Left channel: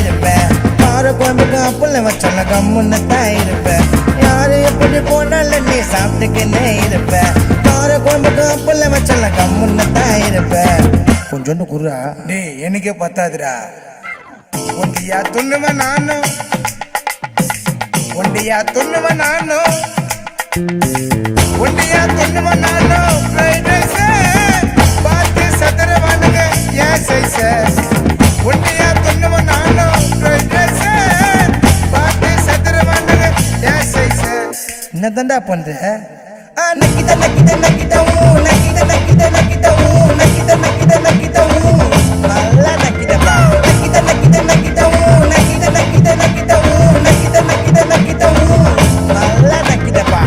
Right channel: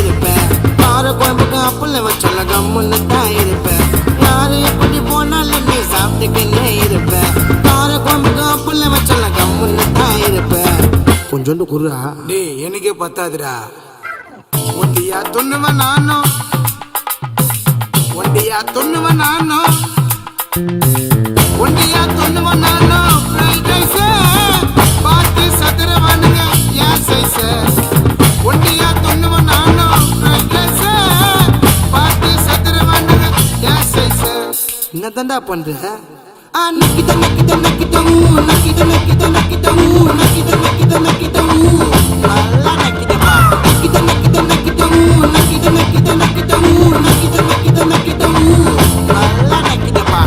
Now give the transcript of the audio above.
இருப்பேன். கார குழம்புக்கு அப்பளம் வச்சல கம்முன்னு தான் இருப்பேன். யாரு எப்படி போனாலும் நீ சாப்பிட்டுக்கின்னே இருப்பேன். கார குழம்புக்கு அப்பளம் வச்சல கம்முன்னு தான் இருப்பேன். கொஞ்சோண்டு குர்ரா டேய் எனக்கே பத்தாதுடா. ஒண்டியா துண்ணுவன் நானும், ஒண்டியா துண்ணுவன் நானும், ஒண்டியா துண்ணுவன் நானும். ஃப்ரைட் ரைஸ் பார்த்து சதுரவானுங்க ஏன் சைஸ். ஒண்டியா துண்ணுவன் நானும், ஃப்ரைட் ரைஸ் பார்த்து சதுரவானுங்க ஏன் சைஸ். என்னதான்டா பண்ற? நக்கிட்ட நக்கிட்ட நக்கிட்ட நக்கிட்ட நக்கிட்ட நக்கிட்ட நக்கிட்ட நக்கிட்ட நக்கிட்ட நல்லா நக்கிட்டப்பா. நக்கிட்ட நக்கிட்ட நக்கிட்ட நக்கிட்ட நக்கிட்ட நக்கிட்ட நக்கிட்ட நக்கிட்ட நக்கிட்ட நல்லா நக்கிட்டப்பா.